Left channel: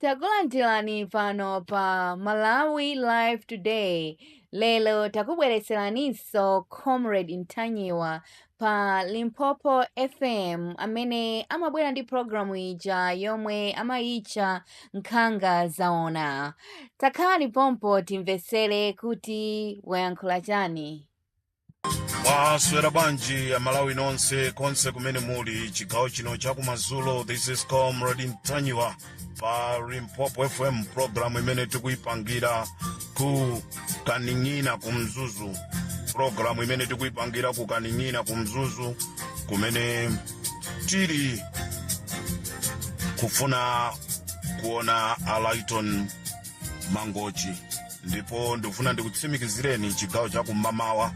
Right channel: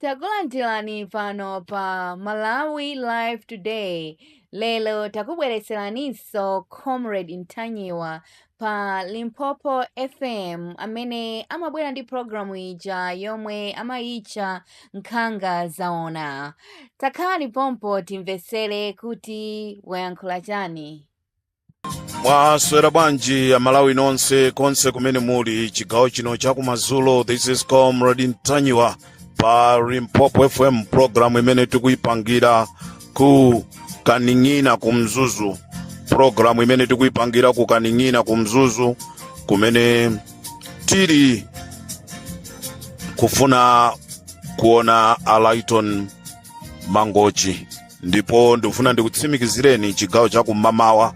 Takulandirani pano pa Malawi Live Today. Lelo takubweretseraniso Comrade Ntanyiwa pa Limpopo FM amene amabwera ndi programu ija yomwe amayitcha Nkhanga Zaona. Takhani pompo timvetsere kuti wayankhula chani. Mwaswera bwanji Malawi nonse konse kumene muli chigawo chino chakumadzulo. This is Comrade Ntanyiwa pa Limpopo FM, programu imene tikuipangira ku Kaning'ina kumzuzu. Programu imene tikuipangira ku Kaning'ina kumzuzu kumene tiri kufuna kuona Alaiton Mangochi. Ndipo ndifuna ndikutsimikizireni chigawo chakumamawa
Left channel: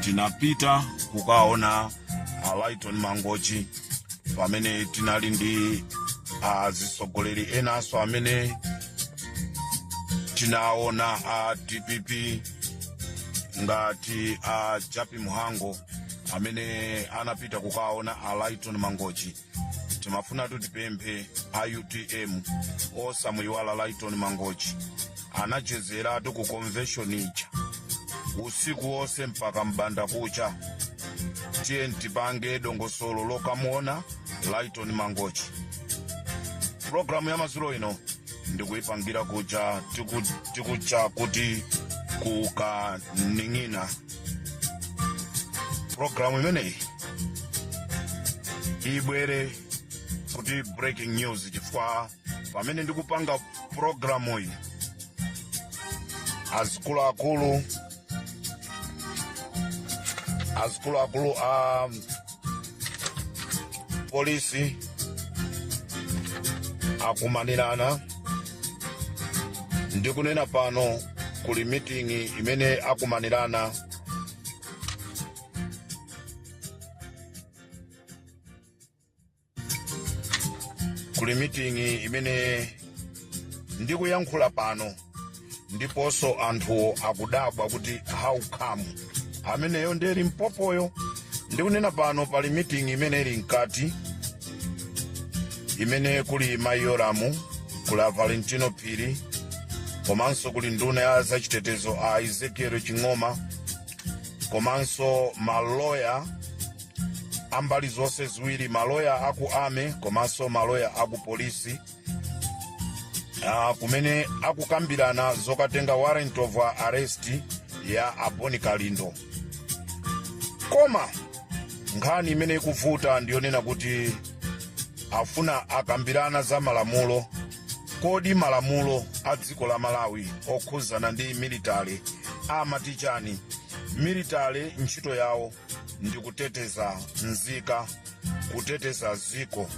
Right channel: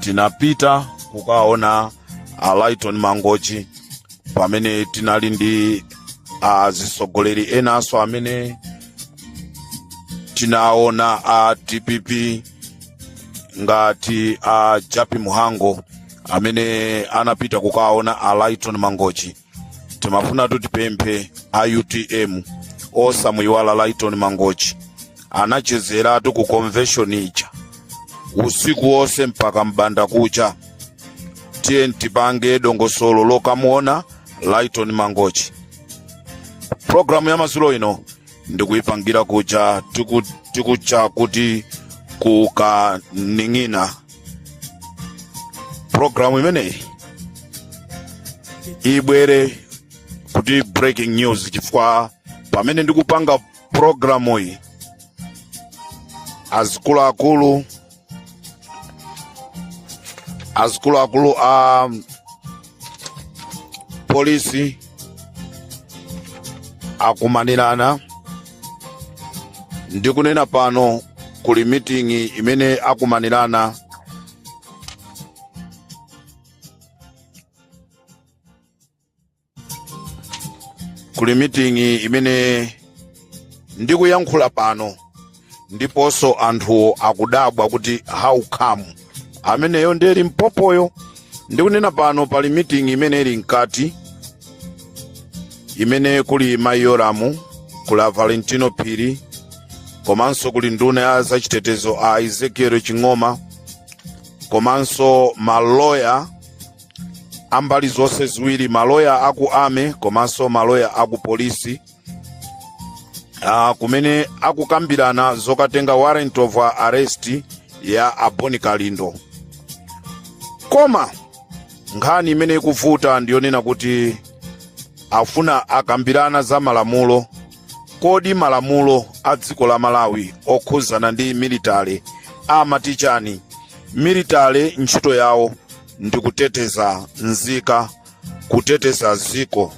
tinapita kukaona Alaiton Mangochi pamene tinali ndi azisogoleri enaso amene tinaona a DPP ngati a Japi Muhango amene anapita kukaona Alaiton Mangochi. Timafuna tutipemphe a UTM osamuyiwala Alaiton Mangochi anachezeratu ku convention ija usiku wose mpaka mbanda kucha. Tiye ntipange dongosolo lokamuona Alaiton Mangochi. Programu ya madzulo ino ndikuipangira kucha tikucha kuti kukaning'ina. Programu imeneyi ibwere kuti breaking news chifukwa pamene ndikupanga programu iyi azikuluakulu a polisi akumanirana. Ndikunena pano kuli meeting imene akumanirana ndikuyankhula pano ndiponso anthu akudabwa kuti how come ameneyo ndeli Mpopoyo. Ndikunena pano pali meeting imene ili mkati imene kuli Mayoramu, kula Valentino Piri, komanso kuli nduna ya zachitetezo a Ezekiel Chingoma, komanso maloya ambali zonse ziwiri, maloya aku ame komanso maloya aku polisi, kumene akukambirana zokatenga warrant of arrest ya Aboni Kalindo. Koma nkhani imene ikuvuta ndiyonena kuti afuna akambirana za malamulo. Kodi malamulo a dziko la Malawi okhuzana ndi military amatichani? Military ntchito yawo ndi kuteteza nzika, kuteteza ziko.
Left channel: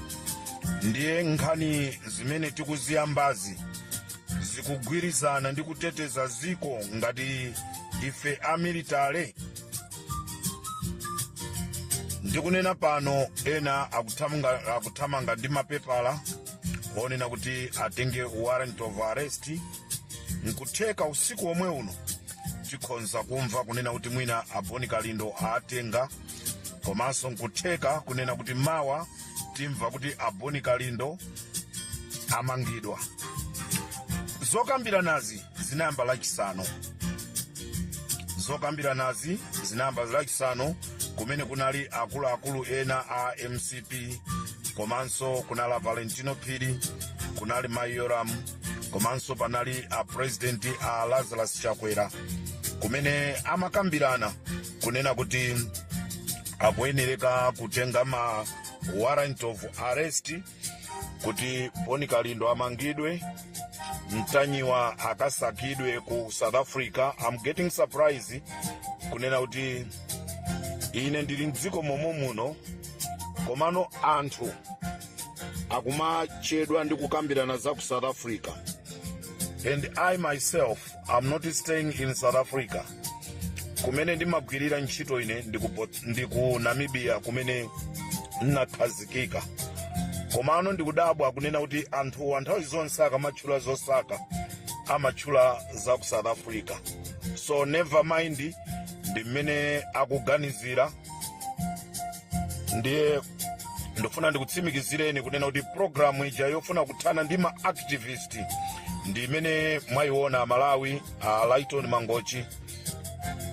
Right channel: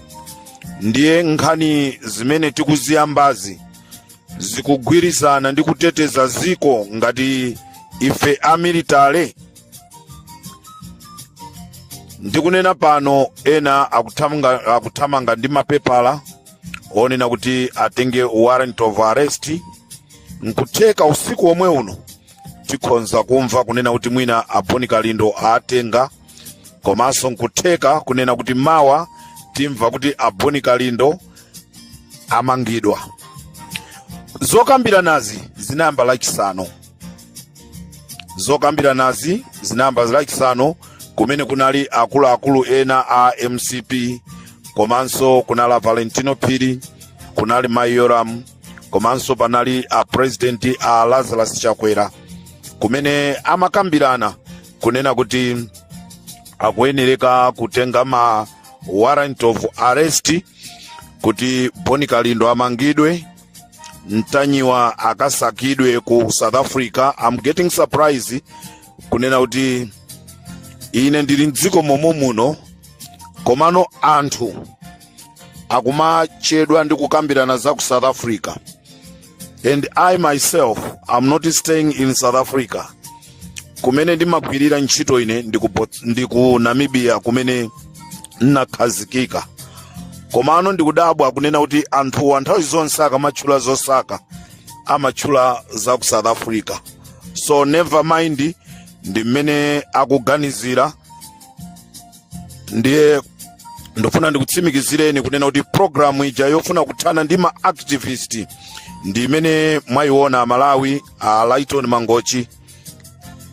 Ndiye nkhani zimene tikuziyambazi zikugwirizana ndi kuteteza ziko ngati ife a military. Ndikunena pano ena akuthamanga ndi mapepala onena kuti atenge warrant of arrest. Nkutheka usiku omwe uno tikhonza kumva kunena kuti mwina Aboni Kalindo atenga, komanso nkutheka kunena kuti mawa timva kuti Aboni Kalindo amangidwa. Zokambiranazi zinayamba lachisanu kumene kunali akuluakulu ena a MCP, komanso kunala Valentino Piri, kunali Mayoram, komanso panali a president a Lazarus Chakwera, kumene amakambirana kunena kuti akuyenereka kutenga ma warrant of arrest kuti Aboni Kalindo amangidwe, Ntanyiwa akasakidwe ku South Africa. I'm getting surprised kunena kuti ine ndili mdziko momwe muno komano anthu akumachedwa ndi kukambirana za ku South Africa, and I myself am not staying in South Africa. Kumene ndimagwirira ntchito ine ndi ku Namibia kumene nakhazikika. Komano ndikudabwa kunena kuti anthu nthawi zonse akamatchula zosaka amatchula za ku South Africa. So never mind, ndi mmene akuganizira. Ndiye ndofuna ndikutsimikizireni kunena kuti programu ija yofuna kuthana ndi ma-activist ndi imene mwayiona Malawi. Lighton Mangochi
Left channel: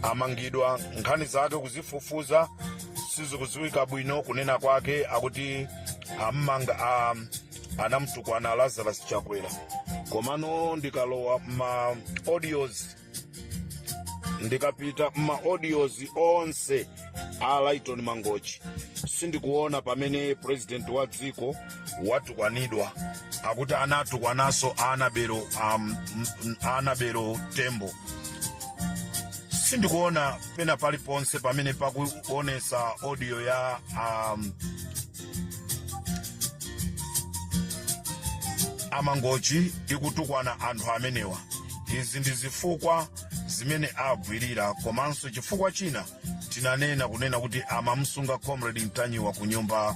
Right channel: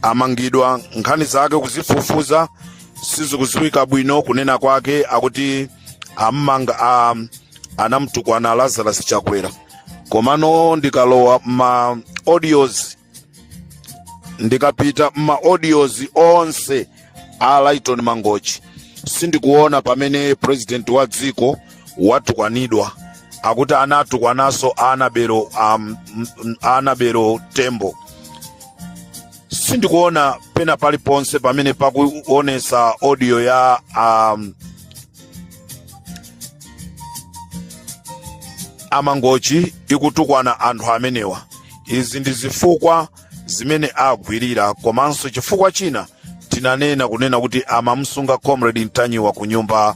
amangidwa, nkhani zake kuzifufuza sizikuziwika bwino, kunena kwake akuti amanga anamtukwana Lazarus Chakwera. Komano ndikalowa ma audios, ndikapita ma audios onse a Lighton Mangochi, sindikuona pamene president wa dziko watukwanidwa, akuti anatukwananso Anabelo Tembo. Sindikuona pena paliponse pamene pakuonesa audio ya Amangochi ikutukwana anthu amenewa. Izi ndi zifukwa zimene agwirira, komanso chifukwa china tinanena kunena kuti amamsunga Comrade Ntanyiwa ku nyumba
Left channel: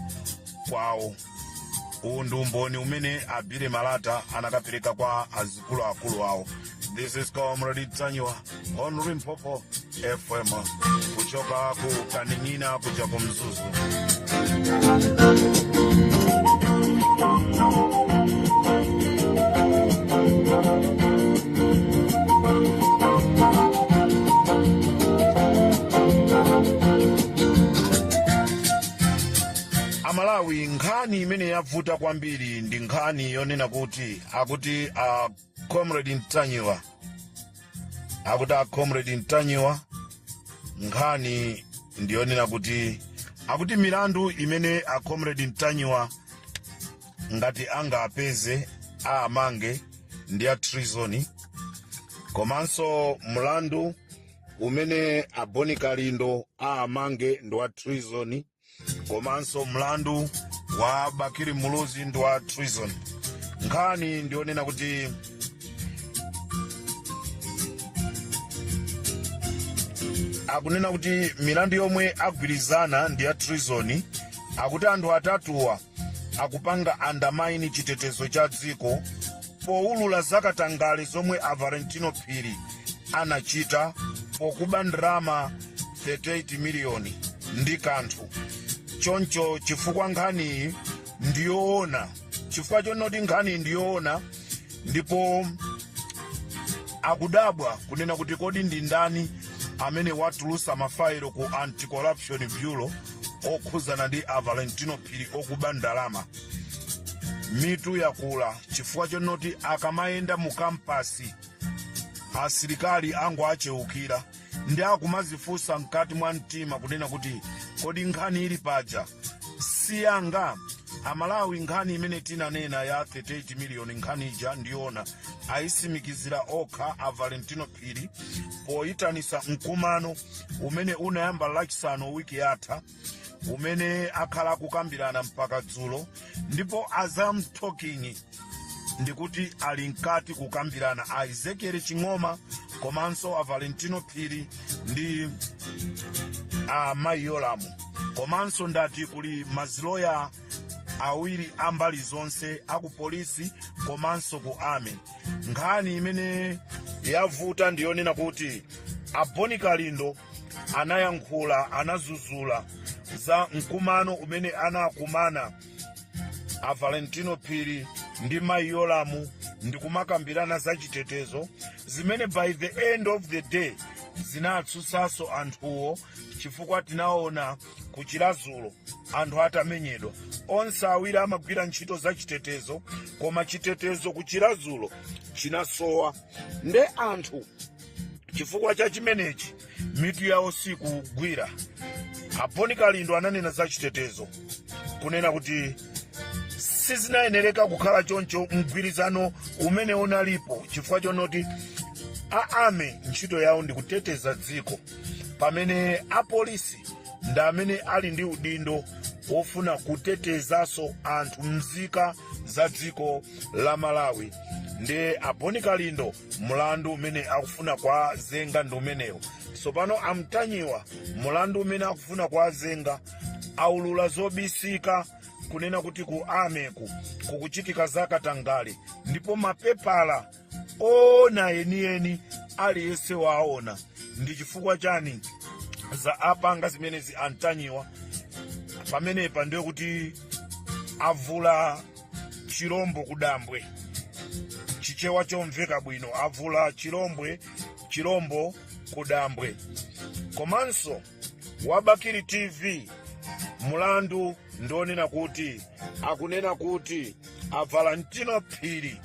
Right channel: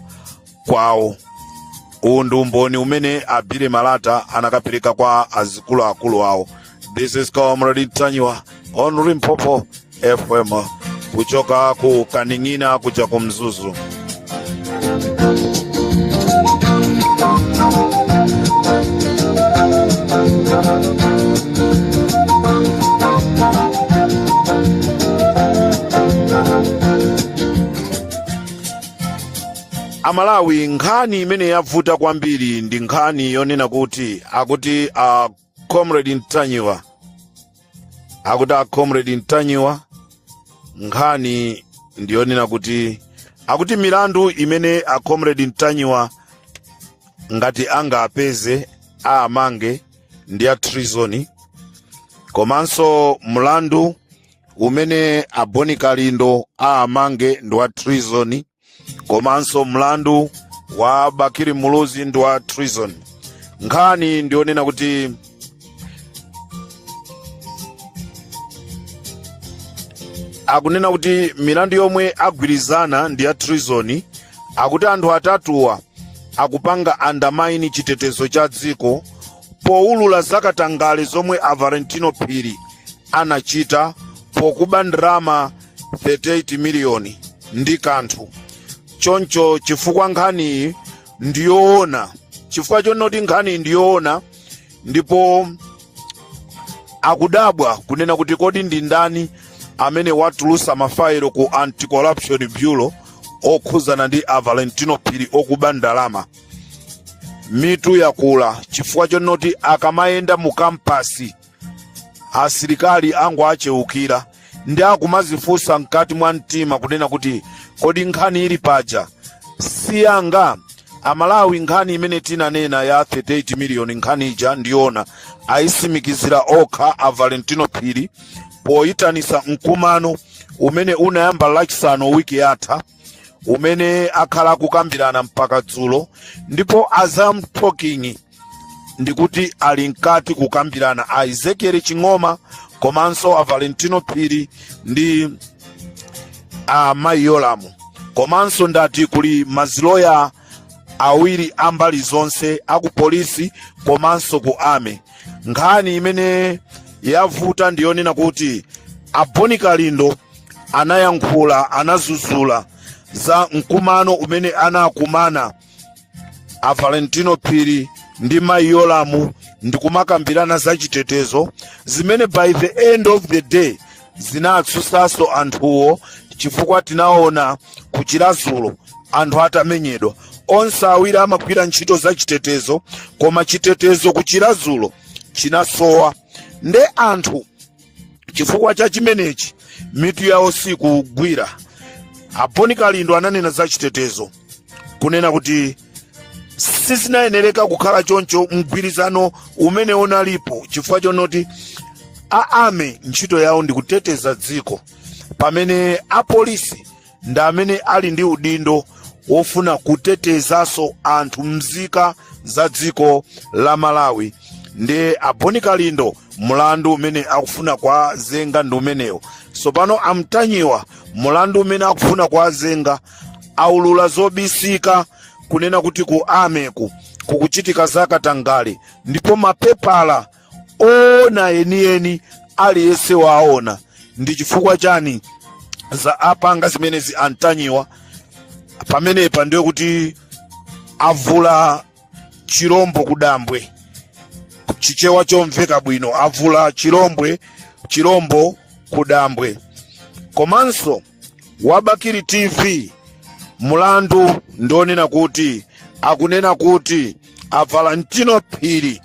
kwawo. Uwu ndi umboni umene Abire Malata anakapereka kwa azikuluakulu awo. This is Comrade Ntanyiwa on Limpopo FM kuchoka ku Kaning'ina kuja ku Mzuzu. Amalawi, nkhani imene yavuta kwambiri ndi nkhani yonena kuti akuti Comrade Ntanyiwa, Comrade Ntanyiwa, nkhani ndiyonena kuti akuti milandu imene Comrade Ntanyiwa ngati angapeze amange ndi ya treason, komanso mlandu umene Boni Kalindo amange ndi wa treason, komanso mlandu wa Bakiri Muluzi ndi wa treason. Nkhani ndionena kuti akunena kuti milandu yomwe agwirizana ndi ya treason, akuti anthu atatuwa akupanga undermine chitetezo cha dziko poulula zakatangale zomwe Valentino Phiri anachita pokuba ndalama 38 miliyoni ndi kanthu. Choncho chifukwa nkhani ndiyoona, chifukwa chonoti nkhani ndiyoona, ndipo akudabwa kunena kuti kodi ndi ndani amene watulusa mafailo ku Anti-Corruption Bureau okhuzana ndi Valentino Phiri okuba ndalama. Mitu yakula chifukwa chonoti akamayenda mu kampasi asilikali angu acheukira ndi akumazifunsa mkati mwa mtima kunena kuti kodi nkhani ili paja siyanga. Amalawi, nkhani imene tinanena ya 38 miliyoni nkhani ija ndiona ayisimikizira okha Valentino Phiri poyitanisa mkumano umene unayamba lachisanu wiki yatha, umene akhala kukambirana mpaka dzulo, ndipo Azam Talking ndikuti ali nkati kukambirana Ezekiel Ching'oma komanso Valentino Phiri ndi Mayolamu, komanso ndati kuli maziloya awiri ambali zonse aku polisi komanso ku ame. Nkhani imene yavuta ndiyonena kuti Boni Kalindo anayankhula, anazuzula za mkumano umene anakumana Valentino Phiri ndi Mayolamu ndi kumakambirana za chitetezo zimene by the end of the day zinatsusaso anthuwo, chifukwa tinaona kuchilazulo anthu atamenyedwa. Onse awiri amagwira ntchito za chitetezo, koma chitetezo kuchilazulo chinasowa. Nde anthu chifukwa cha chimenechi mitu yawo sikugwira. Boni Kalindo ananena za chitetezo kunena kuti sizinayenereka kukhala choncho mgwirizano umene unalipo, chifukwa chonoti aame ntchito yawo ndi kuteteza dziko, pamene apolisi ndi amene ali ndi udindo wofuna kutetezaso anthu mzika za dziko la Malawi. Ndi Boni Kalindo mulandu umene akufuna kwa zenga ndi umenewo. Sopano Amtanyiwa mulandu umene akufuna kwa zenga aulula zobisika kunena kuti ku ameku kukuchitika zakatangale, ndipo mapepala ona enieni aliyese waona. Ndi chifukwa chani za apanga zimenezi Antanyiwa pamenepa ndiyo kuti avula chirombo kudambwe, chichewa chomveka bwino, avula chirombo kudambwe. Komanso Wabakiri TV mulandu ndonena kuti akunena kuti Valentino Phiri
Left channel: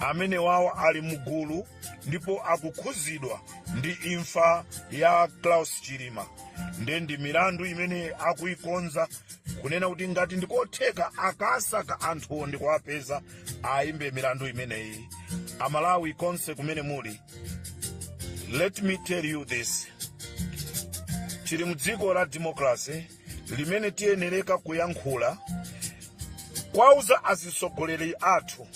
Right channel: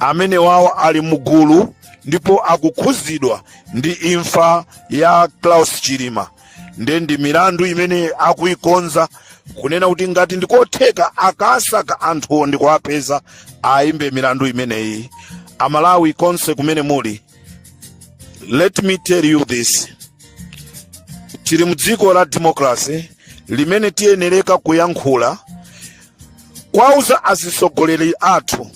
amene wawo ali mugulu ndipo akukhuzidwa ndi imfa ya Klaus Chilima. Ndi milandu imene akuikonza kunena kuti ngati ndikotheka akasaka anthu ndikuapeza aimbe milandu imeneyi. Amalawi konse kumene muli, let me tell you this. Chiri mudziko la democracy limene tiyenereka kuyankhula kwauza azisogoleri athu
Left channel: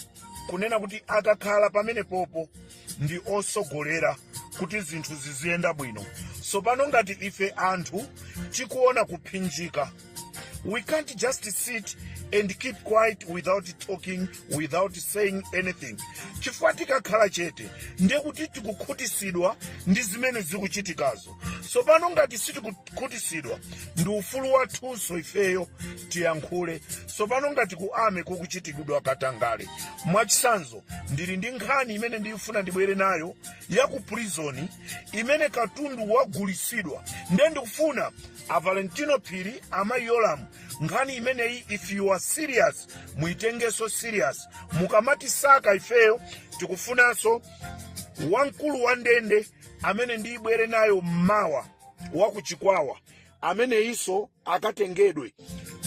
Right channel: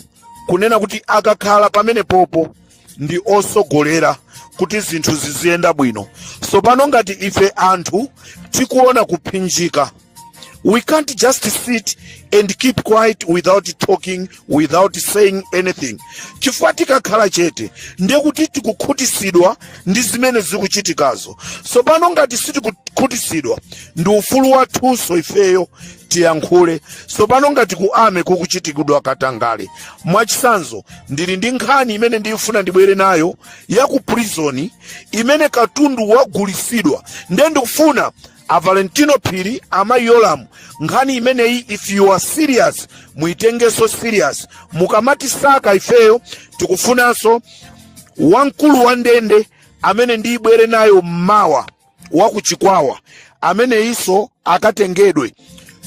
kunena kuti akakhala pamene popo ndi osogolera kuti zinthu ziziyenda bwino. So pano ngati ife anthu tikuona kuphinjika, we can't just sit and keep quiet without talking, without saying anything. Chifukwa tikakhala chete ndiye kuti tikukhutisidwa ndi zimene zikuchitikazo. So pano ngati sitikukhutisidwa ndi ufulu wathunso ifeyo tiyankhule. So pano ngati kuame kukuchitikidwa katangale. Mwachisanzo ndili ndi nkhani imene ndifuna ndibwere nayo ya ku prison imene katundu wagulisidwa. Ndiye ndikufuna Valentino Phiri amayolamu nkhani imeneyi, if you are serious muitengeso serious. Mukamati saka ifeyo tikufunanso wamkulu wa ndende amene ndibwere nayo mmawa wakuchikwawa amene iso akatengedwe,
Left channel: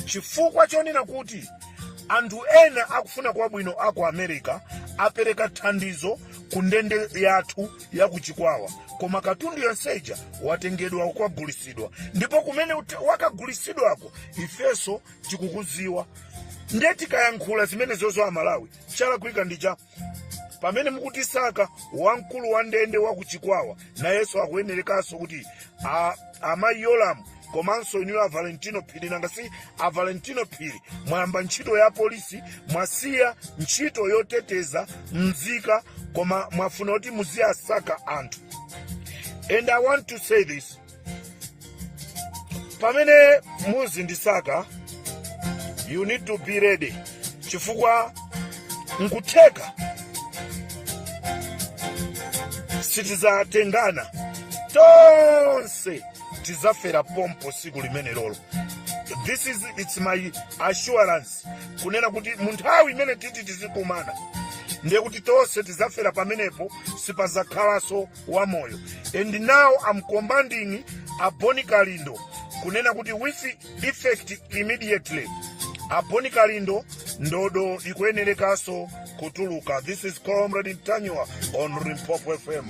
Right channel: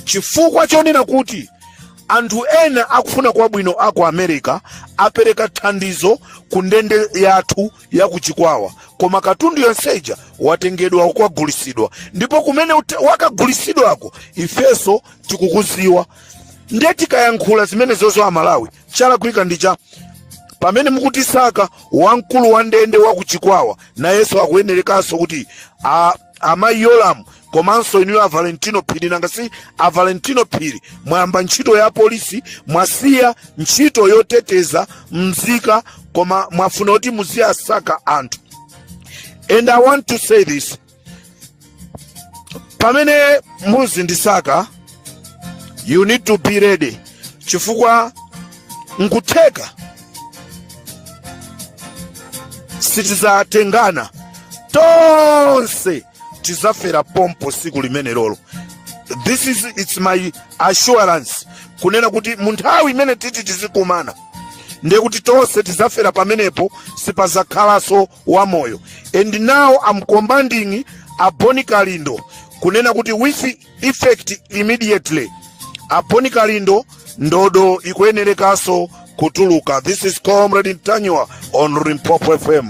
chifukwa chonena kuti anthu ena akufuna kwabwino aku America apereka thandizo ku ndende yathu yakuchikwawa, koma katundu yonseja watengedwa ukwagulisidwa. Ndipo kumene wakagulisidwako ifeso tikukuziwa. Ndiye tikayankhula zimene zozo Amalawi chala kuika ndicha pamene mukutisaka wamkulu wa ndende wakuchikwawa na yeso akuyenerekaso kuti amayolamu komanso inu Valentino Phiri. Nangasi Valentino Phiri mwamba ntchito ya polisi, mwasiya ntchito yoteteza mzika, koma mwafuna kuti muziyasaka anthu. And I want to say this, pamene muzindisaka you need to be ready, chifukwa nkutheka sitizatengana tonse tizafera pompo siku limene lolo. It's my assurance kunena kuti munthawi imene titi tizikumana ndiye kuti tonse tizafera pamenepo, sipazakhalaso wamoyo. And now I'm commanding Boni Kalindo kunena kuti with effect immediately Boni Kalindo ndodo ikuyenerekaso kutuluka. This is Comrade Ntanywa on Limpopo FM.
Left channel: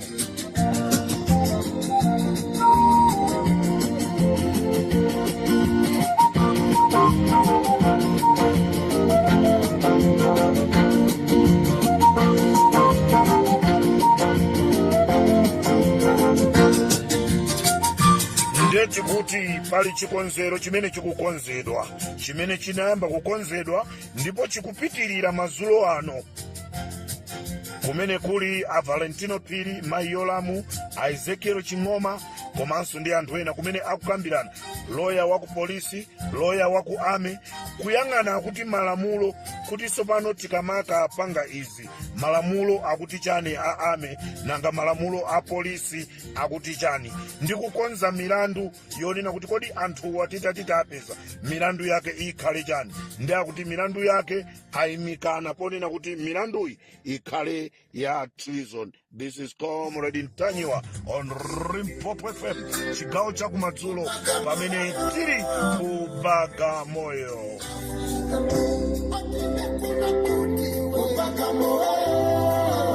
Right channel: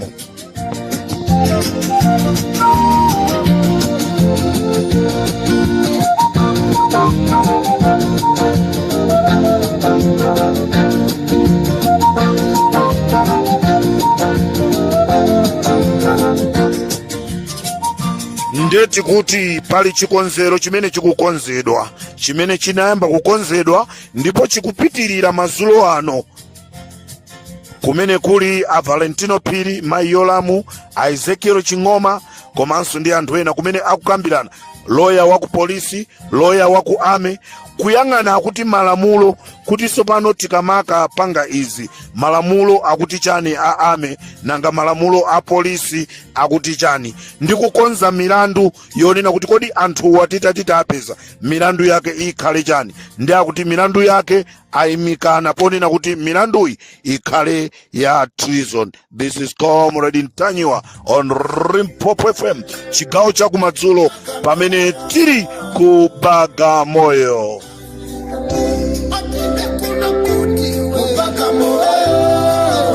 Ndeti kuti pali chikonzero chimene chikukonzedwa, chimene chinayamba kukonzedwa ndipo chikupitirira mazulo ano, kumene kuli Valentino Phiri, Mayolamu, Ezekiel Chingoma, komanso ndi anthu ena kumene akukambirana, lawyer waku polisi, lawyer waku ame, kuyang'ana akuti malamulo kuti sopano tikamaka panga izi malamulo akuti chani a ame nanga malamulo a polisi akuti chani, ndi kukonza milandu yonena kuti kodi anthu watitati apeza milandu yake ikhale chani, ndi akuti milandu yake ayimikana ponena kuti milanduyi ikhale ya treason. This is Comrade Ntanywa on Limpopo FM, chigawo chakumadzulo pamene tiri ku Bagamoyo.